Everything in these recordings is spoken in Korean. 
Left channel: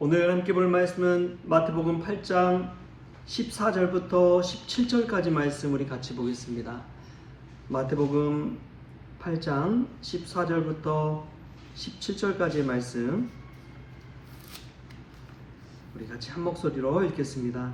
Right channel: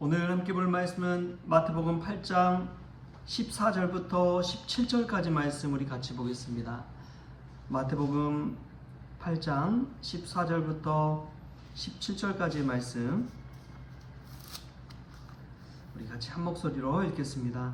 오늘 함께 볼 말씀은 마태복음 8장 14절부터 17절까지 말씀 우리 같이 보겠습니다. 마태복음 8장 14절부터 17절까지의 말씀 우리 같이 한 목소리로 읽겠습니다.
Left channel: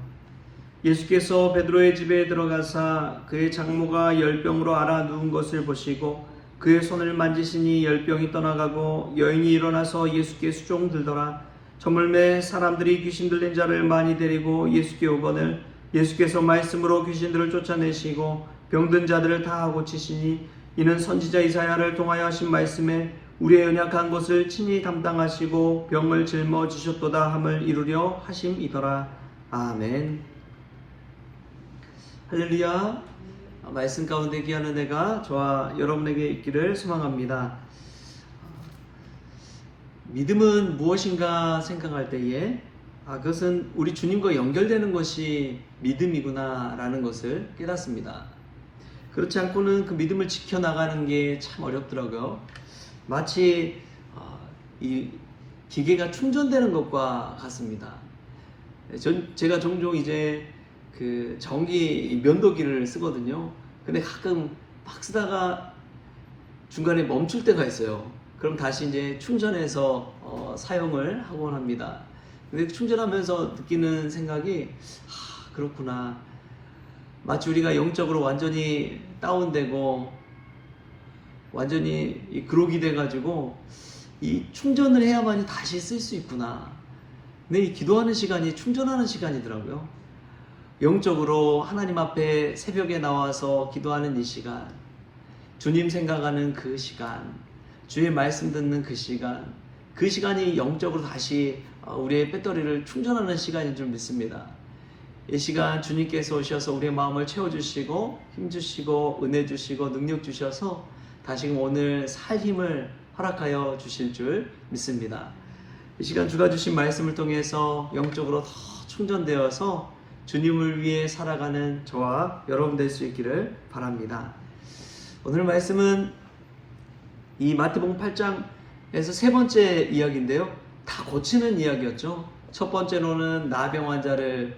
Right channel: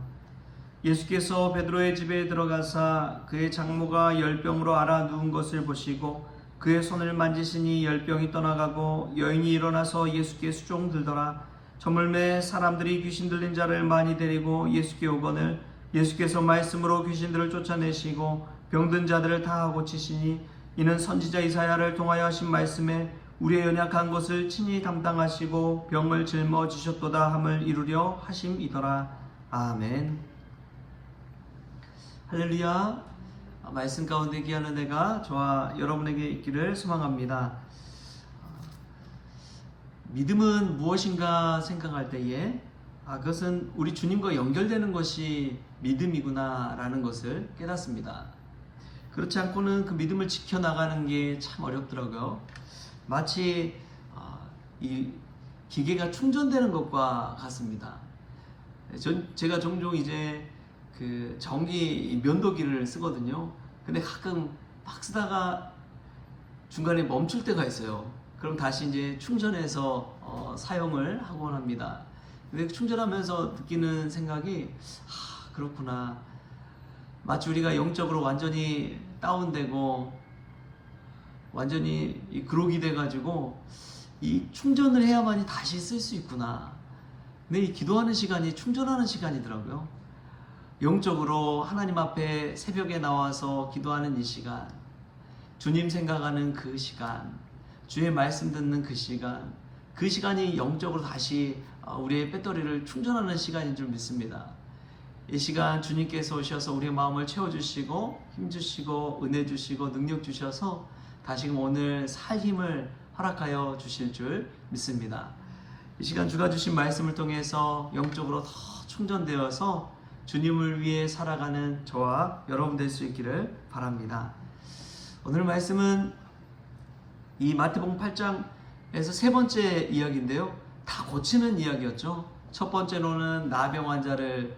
예수께서 베드로의 집에 들어가사 그의 장모가 열병으로 앓아 누운 것을 보시고 그의 손을 만지시니 열병이 떠나가고 여인이 일어나서 예수께 수종들더라. 저물매 사람들이 귀신 들린 자를 많이 데리고 예수께 오거늘 예수께서 말씀으로 귀신들을 쫓아내시고 병든 자들을 다 고치시니 이는 선지자 이사야를 통하여 하신 말씀에 우리의 연약한 것을 친히 담당하시고 병을 짊어지셨도다 함을 이루려 하심이더라. 아멘. 할렐루야. 말씀 가운데 귀한 은혜가 저와 여러분에게 있기를 소망합니다. 믿음은 무엇인가 생각할 때에 그것은 우리 주님과 연결되는 것이 믿음이구나 라는 것을 깨닫습니다. 그렇지 않고는 그 믿음을 지켜나가는 게 참 어렵더라고요. 마치 이 기계가 충전되는 것과 같습니다. 제가 종종 이제 그 전기 면도기를 쓰거든요. 근데 가끔 막 쓰다가 중간에 멈출 때가 있어요. 그럼 다시 이제 충전해서 사용을 하곤 합니다. 근데 충전하면서 느끼는 생각이 그렇구나. 마치 우리가 영적으로 완전히 다운되고 완전히 그록이 돼가지고 이 충전을 해야만이 다시 쓸 수 있구나. 근데 이 기도하는 시간이 충전하는 시간이더라고요. 영적으로 하나님 앞에 새벽에 나와서 기도하는 이 시간, 주님 생각하는 그 시간, 주의 말씀 듣는 그 시간이 영적으로 다시 우리의 배터리를 충전하는 시간인 줄 믿습니다. 이 시간 주님께서 오셔서 우리의 마음을 채워주시고 힘주시고 은혜 주시고 능력 주셔서 다시금 오늘 살 힘을 허락하여 주실 줄 믿습니다. 이 시간 주가 주신 말씀을 통해서 영적으로 더 충전되어서 주님을 위해 살아가는 저와 여러분 될 수 있기를 바랍니다. 오늘 말씀은 이 마태복음 8장에서 세 번째 이야기인데요. 다 고치는 이야기였죠. 첫 번째로는 나병 환자를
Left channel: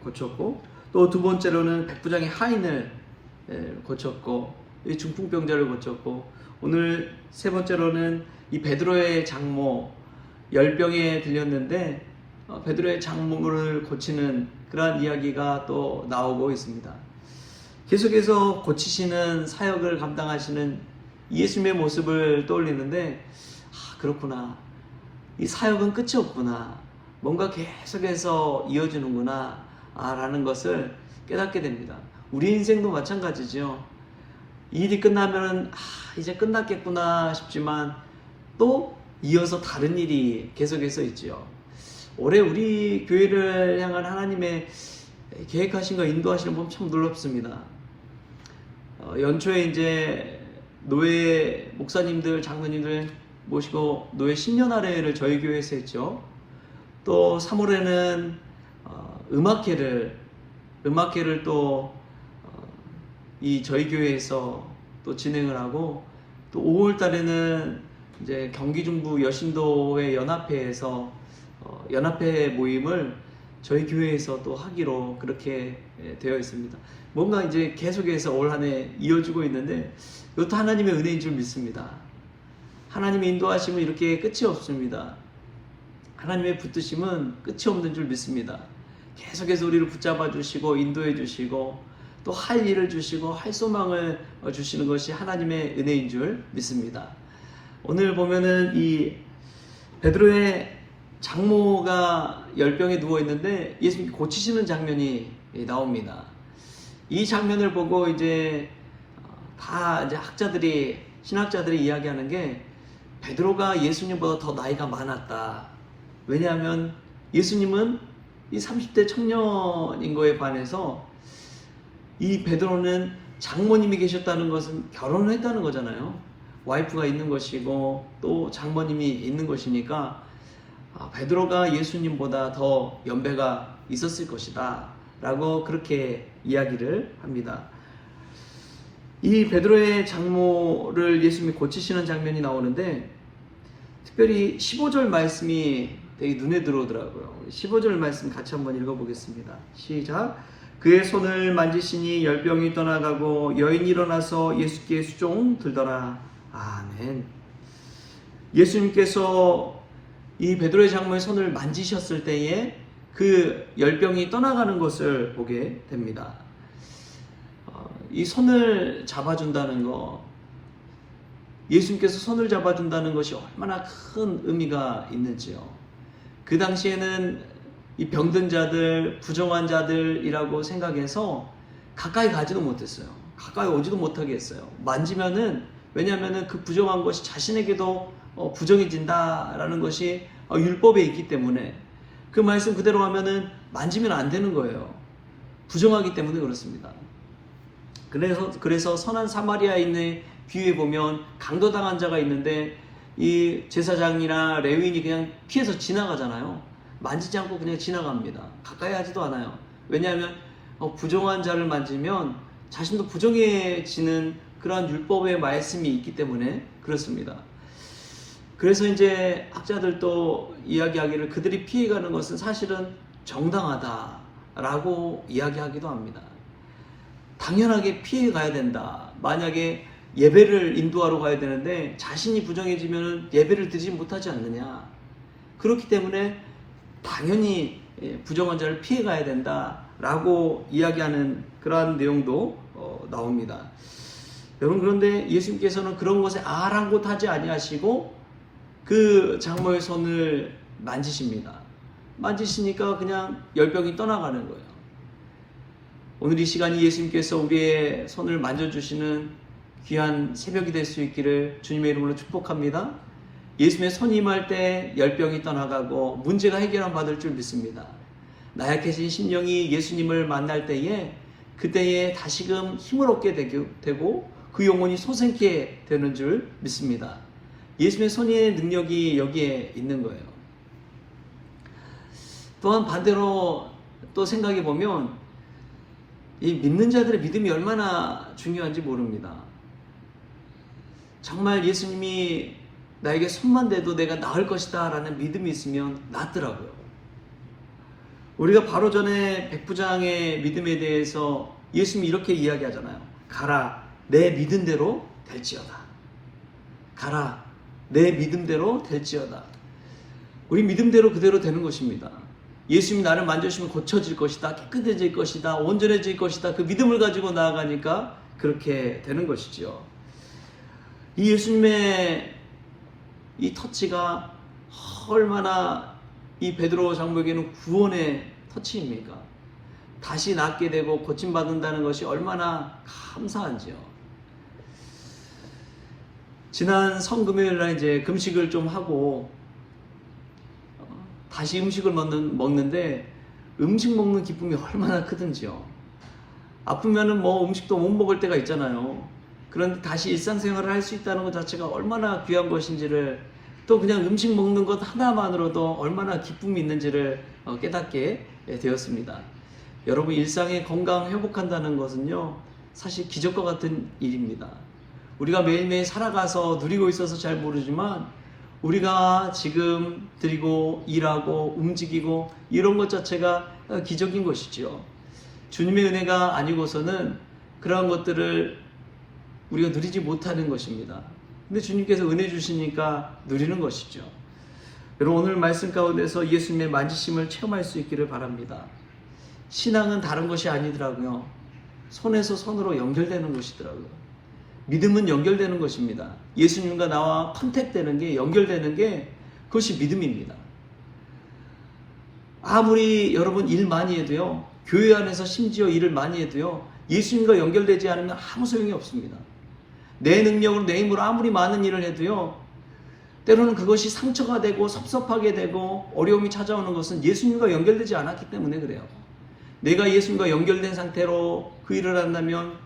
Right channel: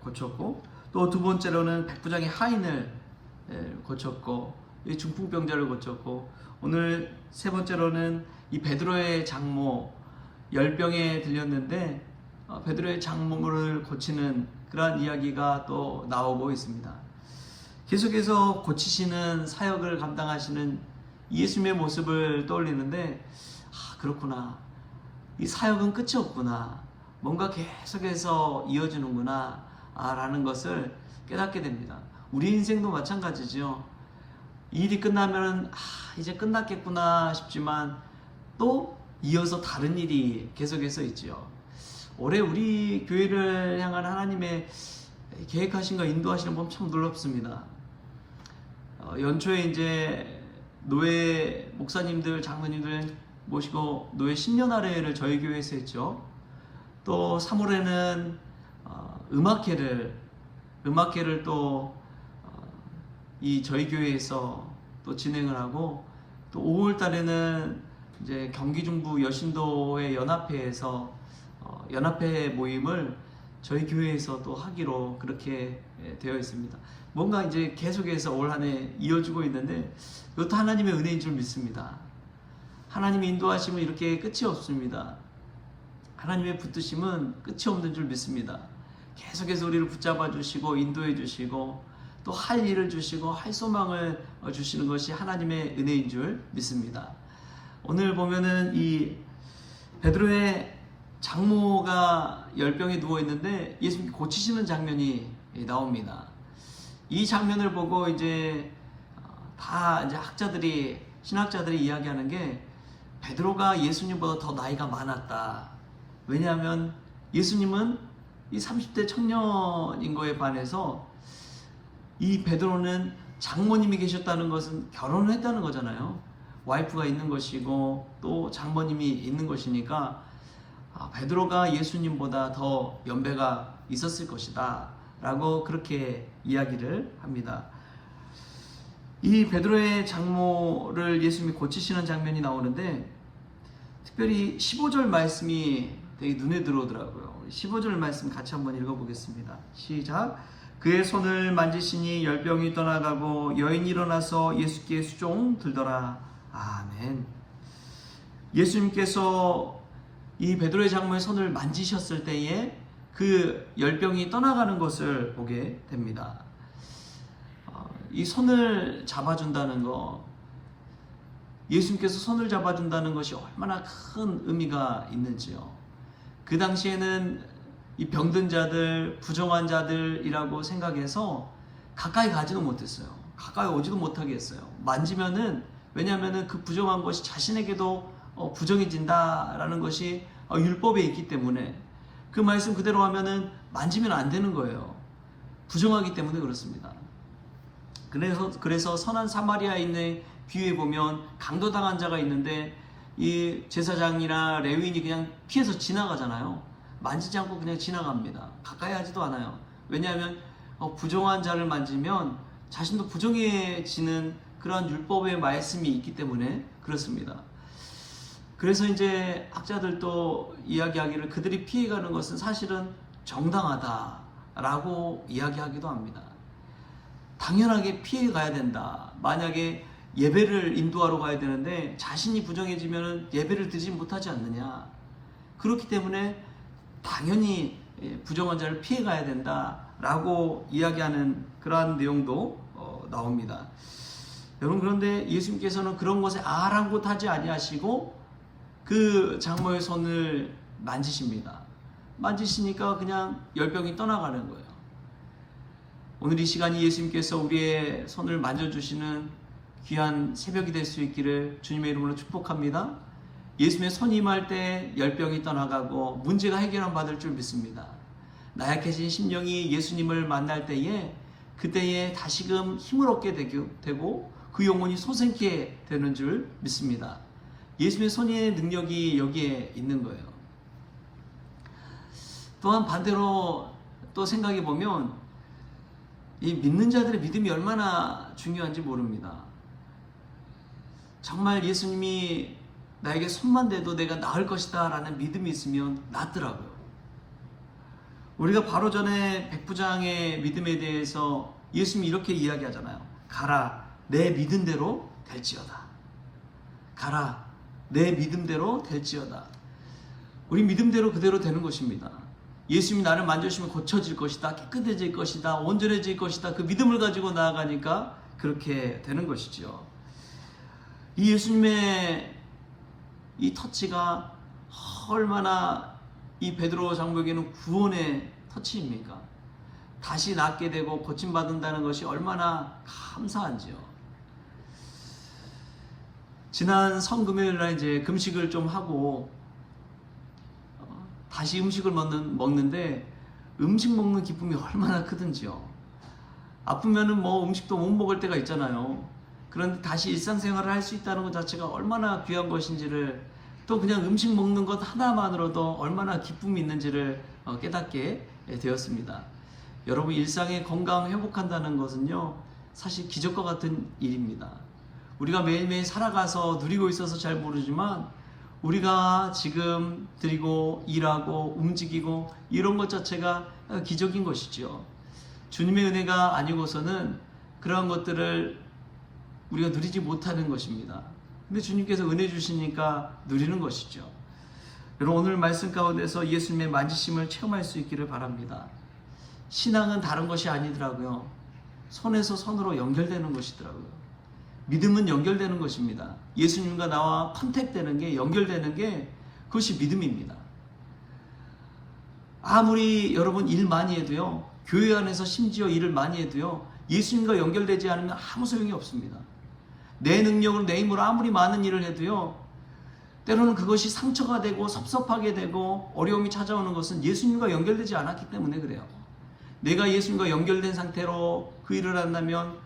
고쳤고 또 두 번째로는 백부장의 하인을 고쳤고 이 중풍병자를 고쳤고 오늘 세 번째로는 이 베드로의 장모 열병에 들렸는데 베드로의 장모를 고치는 그러한 이야기가 또 나오고 있습니다. 계속해서 고치시는 사역을 감당하시는 예수님의 모습을 떠올리는데 그렇구나. 이 사역은 끝이 없구나. 뭔가 계속해서 이어지는구나 라는 것을 깨닫게 됩니다. 우리 인생도 마찬가지죠. 일이 끝나면 이제 끝났겠구나 싶지만 또 이어서 다른 일이 계속해서 있죠. 올해 우리 교회를 향한 하나님의 계획하신 거 인도하시는 분 참 놀랍습니다. 연초에 이제 노예 목사님들, 장로님들 모시고 노예 신년할애를 저희 교회에서 했죠. 또 3월에는 음악회를 또 이 저희 교회에서 또 진행을 하고 또 5월 달에는 이제 경기 중부 여신도회 연합회에서 연합회 모임을 저희 교회에서 또 하기로 그렇게 되어 있습니다. 뭔가 이제 계속해서 올 한 해 이어지고 있는데 이것도 하나님의 은혜인 줄 믿습니다. 하나님의 인도하심은 이렇게 끝이 없습니다. 하나님의 붙드심은 끝이 없는 줄 믿습니다. 계속해서 우리를 붙잡아 주시고 인도해 주시고 또 할 일을 주시고 할 소망을 주시는 것이 하나님의 은혜인 줄 믿습니다. 오늘 보면은 이 베드로의 장모가 열병에 누워 있는데 예수님이 고치시는 장면이 나옵니다. 이 장면을 보고 이제 다 이제 신학자들이 이야기하는 게 베드로가 예수님보다 더 나이가 많았다. 왜냐하면 예수님은 이 30대 청년인 거에 반해서 이 베드로는 장모님이 계셨다는 것은 결혼을 했다는 거잖아요. 와이프가 있는 것이고 또 장모님이 있는 것이니까 베드로가 예수님보다 더 연배가 있었을 것이다 라고 그렇게 이야기를 합니다. 이 베드로의 장모를 예수님이 고치시는 장면이 나오는데 특별히 15절 말씀이 되게 눈에 들어오더라고요. 15절 말씀 같이 한번 읽어보겠습니다. 시작. 그의 손을 만지시니 열병이 떠나가고 여인이 일어나서 예수께 수종 들더라. 아멘. 예수님께서 이 베드로의 장모의 손을 만지셨을 때에 그 열병이 떠나가는 것을 보게 됩니다. 이 손을 잡아준다는 거, 예수님께서 손을 잡아준다는 것이 얼마나 큰 의미가 있는지요. 그 당시에는 이 병든 자들, 부정한 자들이라고 생각해서 가까이 가지도 못했어요. 가까이 오지도 못하게 했어요. 만지면은, 왜냐하면은 그 부정한 것이 자신에게도 부정해진다라는 것이 율법에 있기 때문에, 그 말씀 그대로 하면은 만지면 안 되는 거예요. 부정하기 때문에 그렇습니다. 그래서 선한 사마리아에 있는 비유에 보면 강도당한 자가 있는데 이 제사장이나 레위인이 그냥 피해서 지나가잖아요. 만지지 않고 그냥 지나갑니다. 가까이 하지도 않아요. 왜냐하면 부정한 자를 만지면 자신도 부정해지는 그러한 율법의 말씀이 있기 때문에 그렇습니다. 그래서 이제 학자들도 이야기하기를 그들이 피해가는 것은 사실은 정당하다라고 이야기하기도 합니다. 당연하게 피해 가야 된다. 만약에 예배를 인도하러 가야 되는데 자신이 부정해지면 예배를 드리지 못하지 않느냐. 그렇기 때문에 당연히 부정한 자를 피해 가야 된다라고 이야기하는 그러한 내용도 나옵니다. 여러분, 그런데 예수님께서는 그런 것에 아랑곳하지 아니하시고 그 장모의 손을 만지십니다. 만지시니까 그냥 열병이 떠나가는 거예요. 오늘 이 시간이 예수님께서 우리의 손을 만져주시는 귀한 새벽이 될 수 있기를 주님의 이름으로 축복합니다. 예수님의 손이 임할 때 열병이 떠나가고 문제가 해결함 받을 줄 믿습니다. 나약해진 심령이 예수님을 만날 때에 그때에 다시금 힘을 얻게 되고 그 영혼이 솟게 되는 줄 믿습니다. 예수님의 손의 능력이 여기에 있는 거예요. 또한 반대로 또 생각해 보면 이 믿는 자들의 믿음이 얼마나 중요한지 모릅니다. 정말 예수님이 나에게 손만 대도 내가 나을 것이다 라는 믿음이 있으면 낫더라고요. 우리가 바로 전에 백부장의 믿음에 대해서 예수님이 이렇게 이야기하잖아요. 가라, 내 믿음대로 될지어다. 가라, 내 믿음대로 될지어다. 우리 믿음대로 그대로 되는 것입니다. 예수님이 나를 만져주시면 고쳐질 것이다, 깨끗해질 것이다, 온전해질 것이다. 그 믿음을 가지고 나아가니까 그렇게 되는 것이죠. 이 예수님의 이 터치가 얼마나 이 베드로 장모에게는 구원의 터치입니까? 다시 낫게 되고 고침받는다는 것이 얼마나 감사한지요. 지난 성금요일 날 이제 금식을 좀 하고 다시 음식을 먹는데 음식 먹는 기쁨이 얼마나 크든지요. 아프면은 뭐 음식도 못 먹을 때가 있잖아요. 그런데 다시 일상생활을 할 수 있다는 것 자체가 얼마나 귀한 것인지를, 또 그냥 음식 먹는 것 하나만으로도 얼마나 기쁨이 있는지를 깨닫게 되었습니다. 여러분, 일상의 건강 회복한다는 것은요, 사실 기적과 같은 일입니다. 우리가 매일매일 살아가서 누리고 있어서 잘 모르지만 우리가 지금 드리고 일하고 움직이고 이런 것 자체가 기적인 것이죠. 주님의 은혜가 아니고서는 그러한 것들을 우리가 누리지 못하는 것입니다. 근데 주님께서 은혜 주시니까 누리는 것이죠. 여러분, 오늘 말씀 가운데서 예수님의 만지심을 체험할 수 있기를 바랍니다. 신앙은 다른 것이 아니더라고요. 손에서 손으로 연결되는 것이더라고요. 믿음은 연결되는 것입니다. 예수님과 나와 컨택되는 게, 연결되는 게, 그것이 믿음입니다. 아무리 여러분 일 많이 해도요, 교회 안에서 심지어 일을 많이 해도요, 예수님과 연결되지 않으면 아무 소용이 없습니다. 내 능력으로, 내 힘으로 아무리 많은 일을 해도요, 때로는 그것이 상처가 되고 섭섭하게 되고 어려움이 찾아오는 것은 예수님과 연결되지 않았기 때문에 그래요. 내가 예수님과 연결된 상태로 그 일을 한다면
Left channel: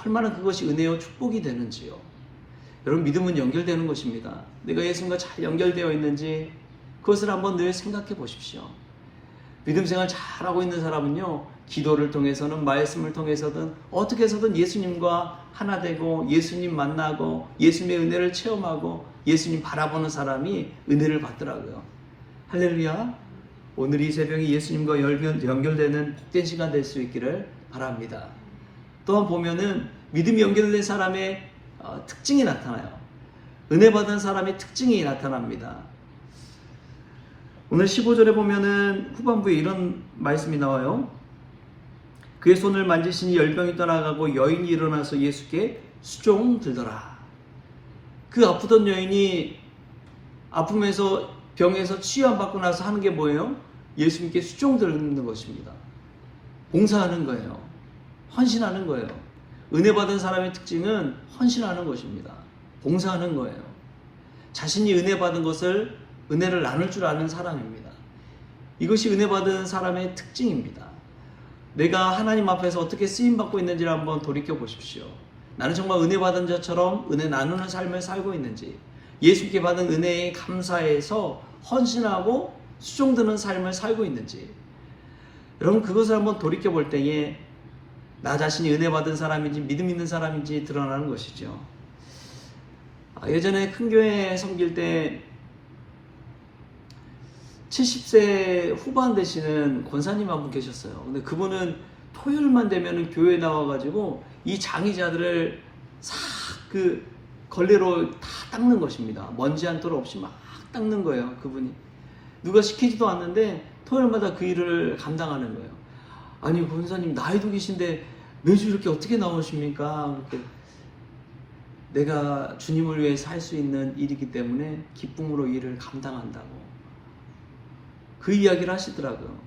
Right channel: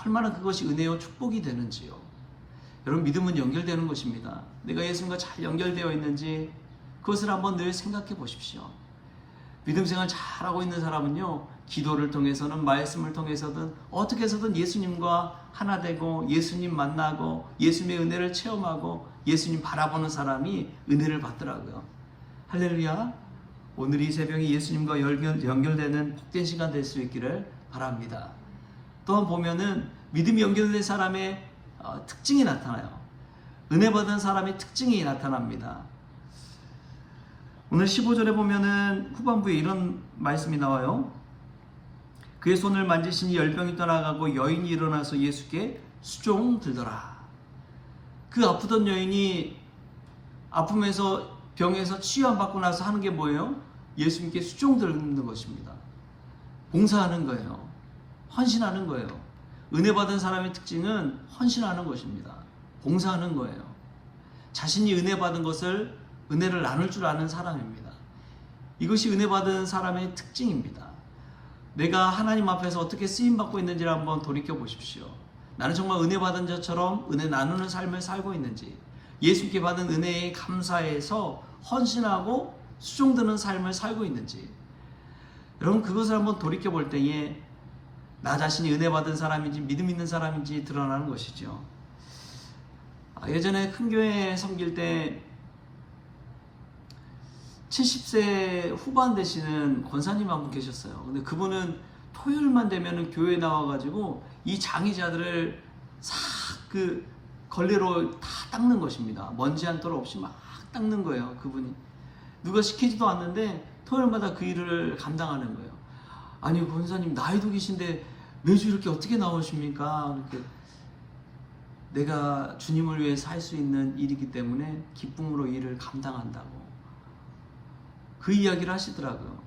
얼마나 그것이 은혜요 축복이 되는지요. 여러분, 믿음은 연결되는 것입니다. 내가 예수님과 잘 연결되어 있는지 그것을 한번 늘 생각해 보십시오. 믿음 생활 잘하고 있는 사람은요, 기도를 통해서는 말씀을 통해서든 어떻게 해서든 예수님과 하나 되고 예수님 만나고 예수님의 은혜를 체험하고 예수님 바라보는 사람이 은혜를 받더라고요. 할렐루야. 오늘 이 새벽이 예수님과 연결되는 복된 시간 될 수 있기를 바랍니다. 또한 보면은 믿음이 연결된 사람의 특징이 나타나요. 은혜 받은 사람의 특징이 나타납니다. 오늘 15절에 보면은 후반부에 이런 말씀이 나와요. 그의 손을 만지시니 열병이 떠나가고 여인이 일어나서 예수께 수종 들더라. 그 아프던 여인이 아픔에서 병에서 치유받고 나서 하는 게 뭐예요? 예수님께 수종 들는 것입니다. 봉사하는 거예요. 헌신하는 거예요. 은혜 받은 사람의 특징은 헌신하는 것입니다. 봉사하는 거예요. 자신이 은혜 받은 것을 은혜를 나눌 줄 아는 사람입니다. 이것이 은혜 받은 사람의 특징입니다. 내가 하나님 앞에서 어떻게 쓰임받고 있는지를 한번 돌이켜 보십시오. 나는 정말 은혜 받은 자처럼 은혜 나누는 삶을 살고 있는지, 예수님께 받은 은혜에 감사해서 헌신하고 수종드는 삶을 살고 있는지, 여러분 그것을 한번 돌이켜 볼 때에 나 자신이 은혜 받은 사람인지 믿음 있는 사람인지 드러나는 것이죠. 예전에 큰 교회 섬길 때 70세 후반 되시는 권사님 한 분 계셨어요. 근데 그분은 토요일만 되면 교회에 나와가지고 이 장의자들을 싹 그 걸레로 다 닦는 것입니다. 먼지 한 톨 없이 막 닦는 거예요. 그분이 누가 시키지도 않는데 토요일마다 그 일을 감당하는 거예요. 아니 권사님 나이도 계신데 매주 이렇게 어떻게 나오십니까? 그렇게 내가 주님을 위해 살 수 있는 일이기 때문에 기쁨으로 일을 감당한다고 그 이야기를 하시더라고요.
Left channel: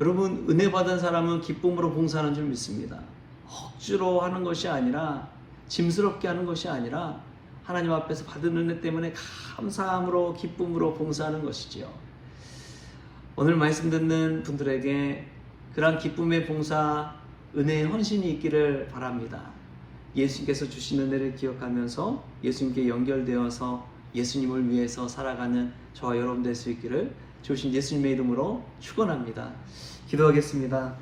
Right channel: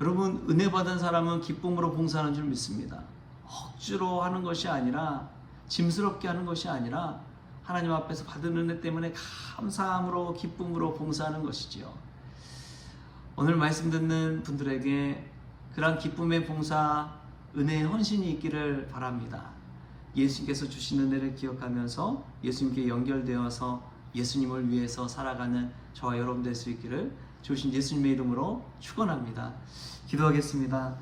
여러분 은혜 받은 사람은 기쁨으로 봉사하는 줄 믿습니다. 억지로 하는 것이 아니라, 짐스럽게 하는 것이 아니라 하나님 앞에서 받은 은혜 때문에 감사함으로 기쁨으로 봉사하는 것이지요. 오늘 말씀 듣는 분들에게 그런 기쁨의 봉사, 은혜의 헌신이 있기를 바랍니다. 예수님께서 주신 은혜를 기억하면서 예수님께 연결되어서 예수님을 위해서 살아가는 저와 여러분 될 수 있기를 주신 예수님의 이름으로 축원합니다. 기도하겠습니다.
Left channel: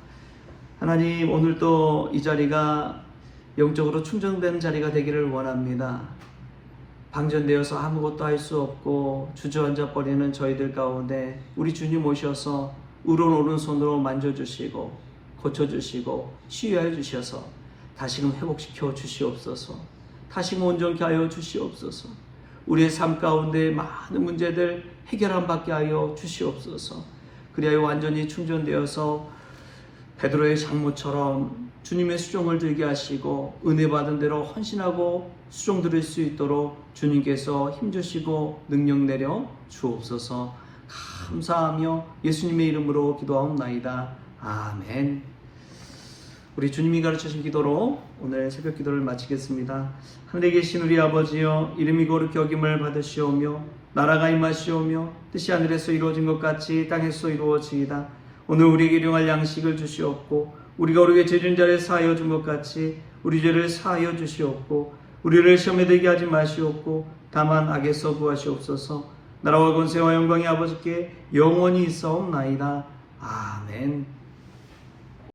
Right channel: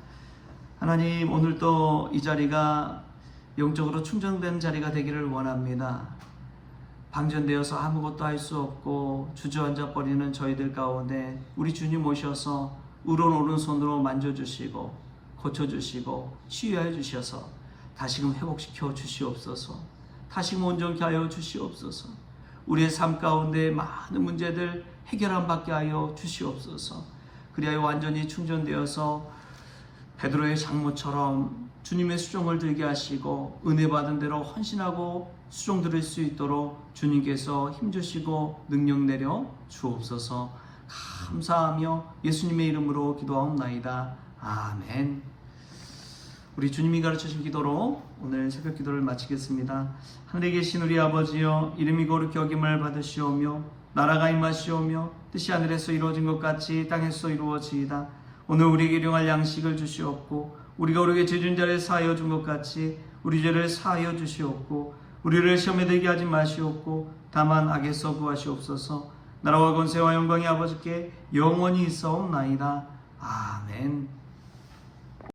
하나님, 오늘 또 이 자리가 영적으로 충전된 자리가 되기를 원합니다. 방전되어서 아무것도 할 수 없고 주저앉아 버리는 저희들 가운데 우리 주님 오셔서 오른손으로 만져주시고 고쳐주시고 치유하여 주셔서 다시금 회복시켜 주시옵소서. 다시금 온전케 하여 주시옵소서. 우리의 삶 가운데 많은 문제들 해결함 받게 하여 주시옵소서. 그리하여 완전히 충전되어서 베드로의 장모처럼 주님의 수종을 들게 하시고 은혜 받은 대로 헌신하고 수종 들을 수 있도록 주님께서 힘주시고 능력 내려 주옵소서. 감사하며 예수님의 이름으로 기도하옵나이다. 아멘. 우리 주님이 가르치신 기도로 오늘 새벽 기도를 마치겠습니다. 하늘에 계신 우리 아버지여, 이름이 거룩히 여김을 받으시오며 나라가 임하시오며 뜻이 하늘에서 이루어진 것 같이 땅에서 이루어지이다. 오늘 우리에게 일용할 양식을 주시옵고 우리가 우리에게 죄진 자를 사하여 준 것 같이 우리 죄를 사하여 주시옵고 우리를 시험에 들게 하지 마시옵고 다만 악에서 구하시옵소서. 나라와 권세와 영광이 아버지께 영원히 있사옵나이다. 아멘.